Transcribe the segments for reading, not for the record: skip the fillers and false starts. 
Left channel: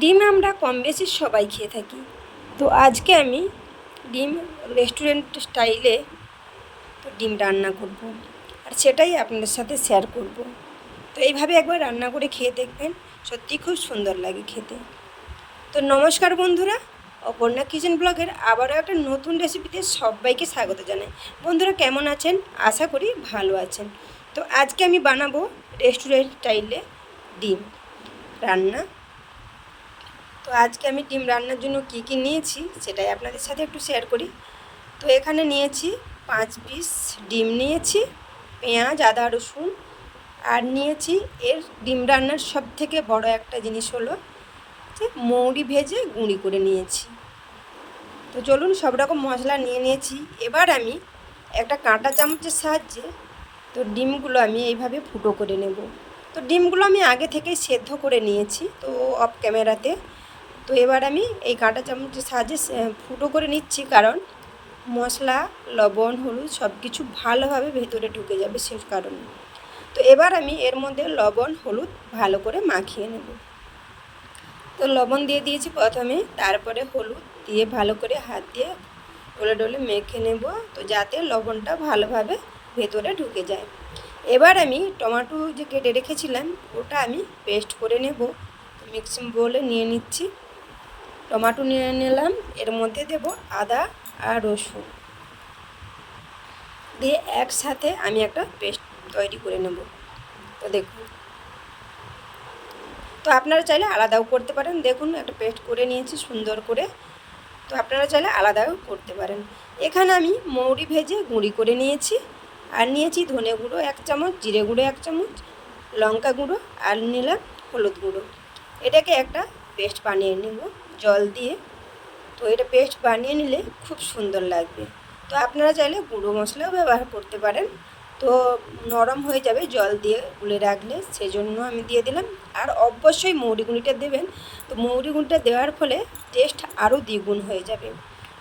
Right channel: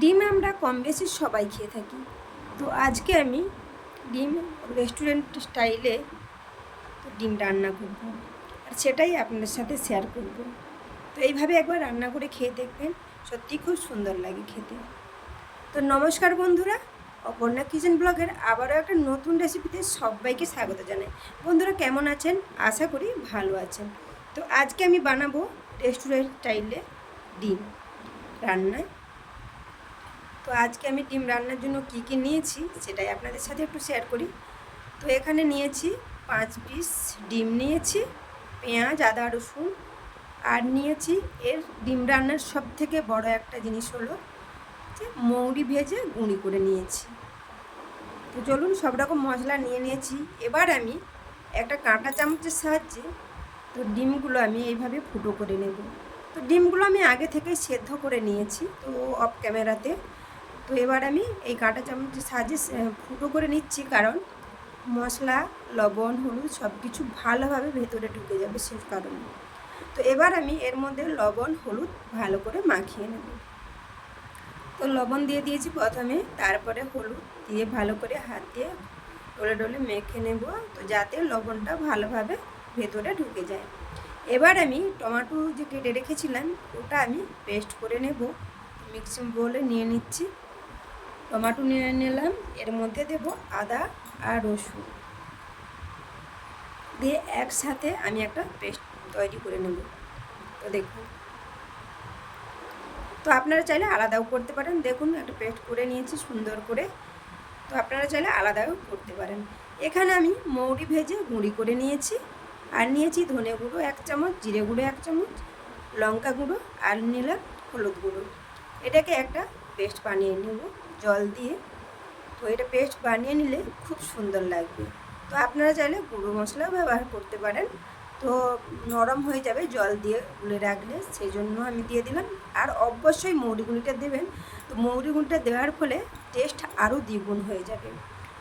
ডিম আমরা কম বেশি সবাই খেয়ে থাকি। তো আজকে আমি ডিম রেস্টুরেন্ট স্টাইলে ডিম রান্না করব, আর সেটাই আপনাদের সাথে শেয়ার করব। তো এইভাবে একবার রান্না করে খেয়ে দেখবেন, সত্যিই খুব সুন্দর লাগে খেতে। তো নমস্কার বন্ধুরা, অপর্ণা কিচেন ব্লগের আবারও একটা নতুন রেসিপিতে সবাইকে স্বাগত জানাই। বন্ধুরা কেমন আছেন? আশা করি ভালো আছেন। তো আজকে আমি বানাবো রেস্টুরেন্ট স্টাইলে ডিম রান্না। তো আজকে আমি ডিম রান্নার জন্য কি কি নিয়েছি সেটাই আপনাদের সাথে একটু শেয়ার করি। তো এখানে নিয়েছি 5 পিস ডিম নিয়েছি, পেঁয়াজ, আদা, রসুন, আর নিয়েছি এর ডিম রান্নার সবথেকে বড় একটা জিনিস হলো যে মৌরি ভেজে গুঁড়ি করে নিয়েছি। তো চলুন, সব রকম মশলা নিয়ে নিয়েছি। এবার আমি একটা কাঁটা চামচের সাহায্যে তো ডিমগুলো আমি এইভাবে ফুটো করে নেব। তো ডিমগুলো আমি আগে থেকেই সেদ্ধ করে নিয়েছি, তো অফ ক্যামেরাতে। তো এবার আমি এই কাঁটা চামচের সাহায্যে ফুটো করে নিচ্ছি, কারণ মশলা, লবণ, হলুদ সব কিছু ভালোভাবে ভেতরে ঢুকে যাবে সে কারণে। তো এবার আমি এর মধ্যে লবণ, হলুদ ভালো করে মাখিয়ে নেব। তো লবণ দিয়ে দিয়েছি প্রথমে, তারপরে হলুদ দিয়ে ভালো করে হাত দিয়ে ডলে ডলে মেখে নেব, তো যাতে লবণটা ভালোভাবে ভেতরে ঢুকে যায়। এবার আমি টমেটো যে কেটে রেখেছিলাম ওটা আমি পেস্ট করে নেব। মিক্সিং বোলে নিয়ে নিচ্ছি। টমেটো নিয়ে নিলাম, এর মধ্যে দেব আদা আর রসুন দিয়ে একসাথে আমি একটা পেস্ট তৈরি করে নেব। তো দেখুন, তো আপনারা চাইলে আলাদাও করতে পারেন। দেখুন, একটা পেস্ট করে নিয়েছি সুন্দর করে। তো আপনারা চাইলে আলাদাও করতে পারেন। এখানে আমি মৌরি ভেজে গুঁড়ি করে নিয়েছি, আর নিয়েছি ধনে গুঁড়ো 1 চামচ, জিরে গুঁড়ো 1 চামচ, লঙ্কা গুঁড়ো, আর নিলাম হলুদ গুঁড়ো। এটাকে একটা পেস্ট বানিয়ে নেব জল দিয়ে। তো এটা পেস্ট বানিয়ে নিলে খুব সুন্দর লাগবে। তো আপনারা চাইলে গুঁড়ো মশলাও ব্যবহার করতে পারেন। তো নরম হয়ে যাবে জল দিয়ে গুলে রাখলে, সেই জন্য আমি দিয়ে দিলাম। আর অবশ্যই মৌরি গুঁড়িটা দেবেন। তো মৌরি গুঁড়িটা দেওয়ার ফলে টেস্ট আরও দ্বিগুণ হয়ে যাবে।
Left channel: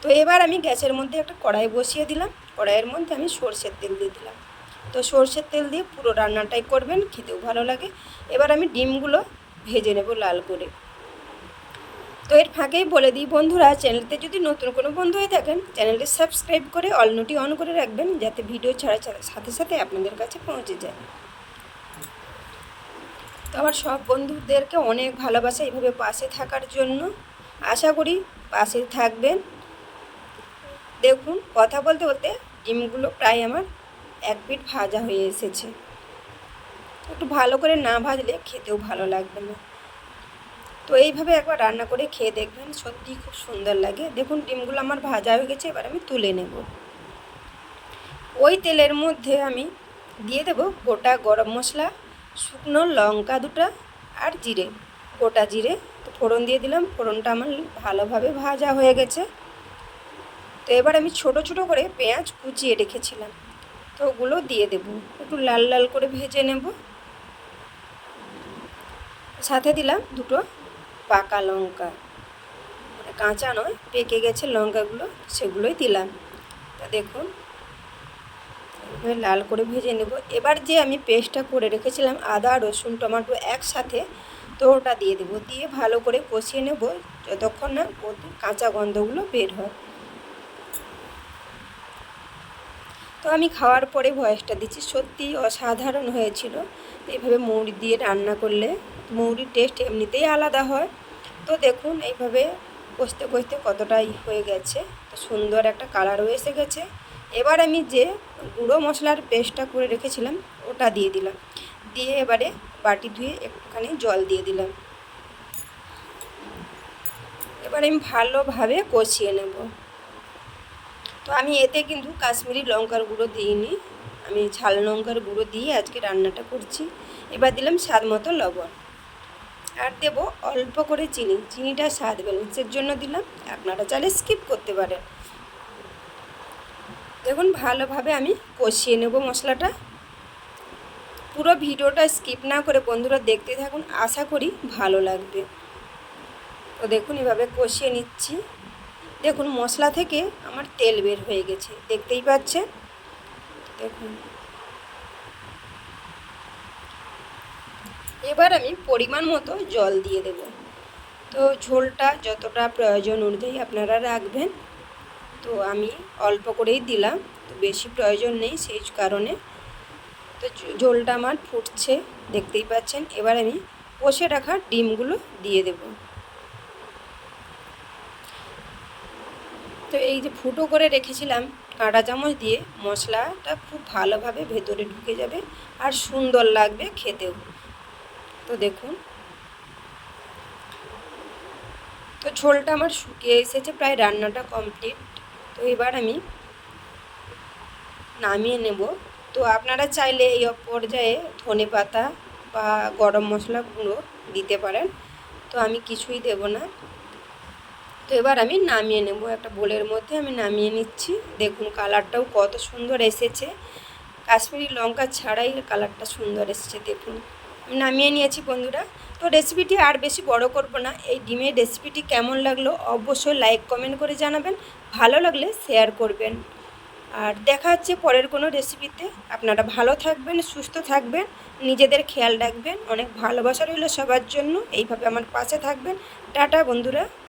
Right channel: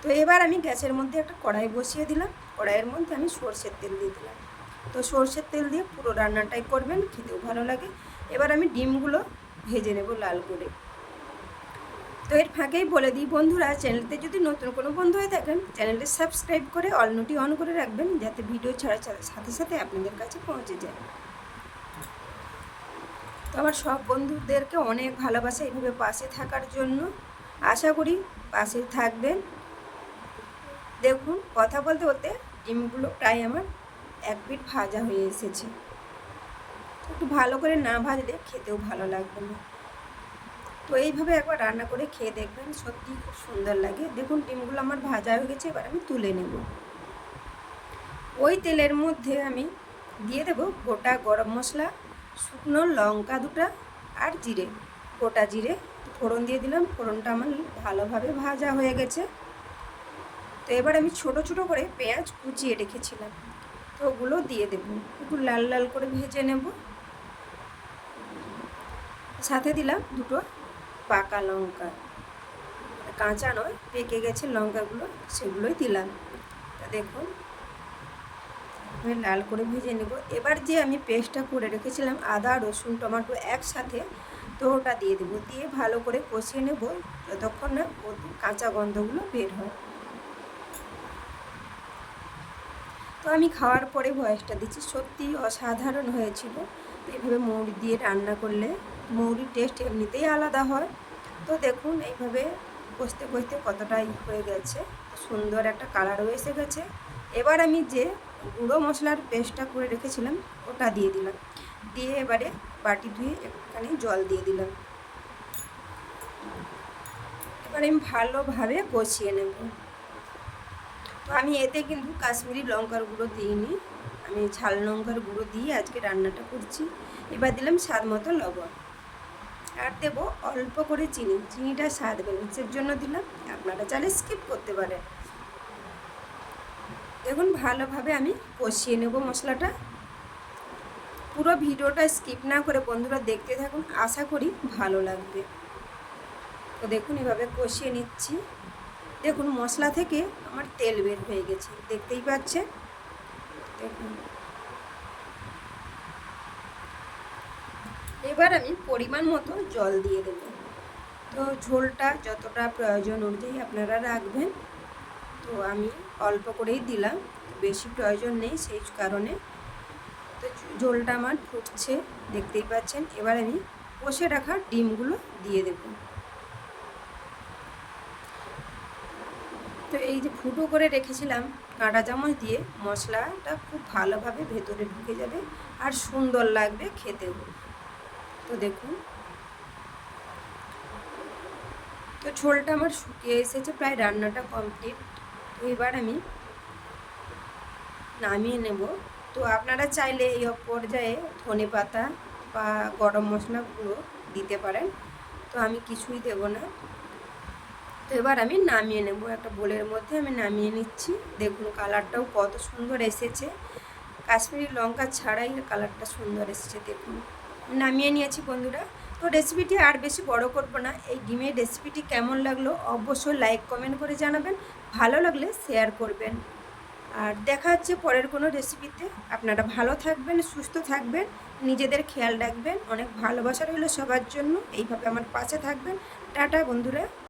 তো এবার আমি গ্যাসের মধ্যে একটা কড়াই বসিয়ে দিলাম। কড়াইয়ের মধ্যে আমি সরষের তেল দিয়ে দিলাম। তো সরষের তেল দিয়ে পুরো রান্নাটাই করবেন, খেতেও ভালো লাগে। এবার আমি ডিমগুলো ভেজে নেব লাল করে। তো এর ফাঁকেই বলে দিই বন্ধুরা, চ্যানেলতে যদি নতুন কোনো বন্ধু হয়ে থাকেন, চ্যানেলটি সাবস্ক্রাইব করে অল নোটি অন করে রাখবেন, যাতে ভিডিও ছাড়া সাথে সাথে আপনাদের কাছে পৌঁছে যায়। তো আমার সব বন্ধুদেরকে অনেক ভালোবাসা এইভাবে পাশে থাকার জন্য। আশা করি পাশে থাকবেন। দেখুন, কথা বলতে বলতে ডিমগুলো প্রায় আমার 1 পিঠ ভাজা হয়ে এসেছে। একটু ভালো করে না ভাজলে খেতেও ভালো লাগবে না। তো এইভাবে একবার রান্না করে খেয়ে দেখবেন, সত্যিই খুব সুন্দর লাগে। দেখুন, ডিমগুলো আমার ভাজা হয়ে গেছে, এবার আমি তুলে নেব। ওই তেলের মধ্যে আমি দিয়ে দেব গোটা গরম মশলা, শুকনো লঙ্কা 2টা, আর জিরে, গোটা জিরে। তো ফোড়ন দিয়ে দিলাম। ফোড়নটা আমার ভালোভাবে ভাজা হয়ে গেছে। তো এবার আমি ছোট ছোট করে পেঁয়াজ কুচিয়ে রেখেছিলাম, তো ওগুলো দিয়ে দেব। একটু লাল লাল করে ভেজে নেব। সাথে দিলাম 2টো পাকা লঙ্কা, কাঁচা নয়, পেকে গেছে লঙ্কাগুলো, সেগুলোই দিলাম। তা দেখুন, লাল করে ভেজে নেব। এবার যে আমি পেস্টটা করে রেখেছিলাম আদা, রসুন, টমেটো একসাথে, তো ওটা দিয়ে দেবো। দিয়ে ভালো করে কষিয়ে নেব যতক্ষণ না ওর কাঁচা গন্ধগুলো বের হয়। তো আমি খাওয়ার পরে ভয়েসটা দিচ্ছি, সত্যিই অসাধারণ হয়েছিল। এইভাবে মৌরি দিয়ে রান্না করলে মৌরির টেস্ট এমনিতেই আলাদা হয়। তো দেখুন, এইভাবে কষতে কষতে কতটাই হয়ে গেছে, তো সুন্দর একটা কালারও এসে গেছে। এবার আমি যে গুঁড়ো মশলার পেস্টটা করে রেখেছিলাম ওটা দিয়ে দিলাম। দিয়ে এবারে বাটি ধুয়ে একটুখানি জল দিয়ে দিলাম। এবার আমি ভালোভাবে কষিয়ে নেব। তো আমি এতে কিন্তু কাশ্মীরি লঙ্কার গুঁড়ো দিইনি, আমি ঝাল লঙ্কার গুঁড়ো দিয়ে আজকে রান্নাটা করছি। এবার দিলাম স্বাদ মতো লবণ, আর দেবো অল্প করে চিনি। চিনিটা স্বাদ ব্যালেন্সের জন্য দিলাম, আপনারা চাইলে স্কিপ করতে পারেন। দেখুন, ভালোভাবে আমি কষিয়ে নেব মশলাটা। পুরো ভিডিওটা স্কিপ না করে বন্ধুরা দেখতে থাকুন, আশা করি ভালো লাগবে। তো দেখুন, এভাবে কষিয়ে নিচ্ছি। দেখুন, মশলা থেকে আমার তেল বের হয়ে গেছে, দেখতেই পাচ্ছেন। দেখুন, এবার আমি পরিমাণ মতো জল দিয়ে দেব। তো তো ঝোলটা যতটা প্রয়োজন অনুযায়ী আপনারা রাখবেন। তো আমি অল্প করেই দিলাম, তো বেশি প্রয়োজন নেই সেই কারণে। তো ঝোলটা আমার ফুটছে, দেখতেই পাচ্ছেন। এবার আমি কষে রাখা ডিমগুলো দিয়ে দেব। তো এই যে ফুটো করে রেখেছিলাম কাঁটা চামচ দিয়ে, মশলাটা খুব ভালোভাবে ভেতরে ঢুকে যাবে আর সুন্দর লাগবে খেতেও। তো দেখুন, তো ঝোলটা আমার শুকিয়ে এসেছে, প্রায় রান্নাটা কমপ্লিট। তো এবার আমি নামিয়ে নেব। তো আপনারা চাইলে এই পর্যায়ে ধনে পাতা বা গরম মশলা গুঁড়ো দিতে পারেন, তো আমি কিছুই দেব না। তো এবার আমি নামিয়ে নেব, একটা বোলের মধ্যে আমি নামিয়ে নিচ্ছি। দেখুন কালারটাও কত সুন্দর এসেছে, কাশ্মীরি লঙ্কা ছাড়াই কালারটা সুন্দর এসেছে। দেখুন আমি নামিয়ে নিয়েছি বন্ধুরা। তো রেসিপিটি আর বেশি বড় করব না। এই ডিমের রেসিপিটি কেমন লাগলো অবশ্যই লাইক কমেন্ট করে জানাবেন, ভালো লাগলে শেয়ার করবেন। আর দেখা হচ্ছে পরের কোনো রেসিপিতে। আপনারা ভালো থাকবেন, সুস্থ থাকবেন, নিজেদের খেয়াল রাখবেন। অনেক ভালোবাসা রইল সবার জন্য, এইভাবে আমার পাশে থাকবেন। টাটা বন্ধুরা।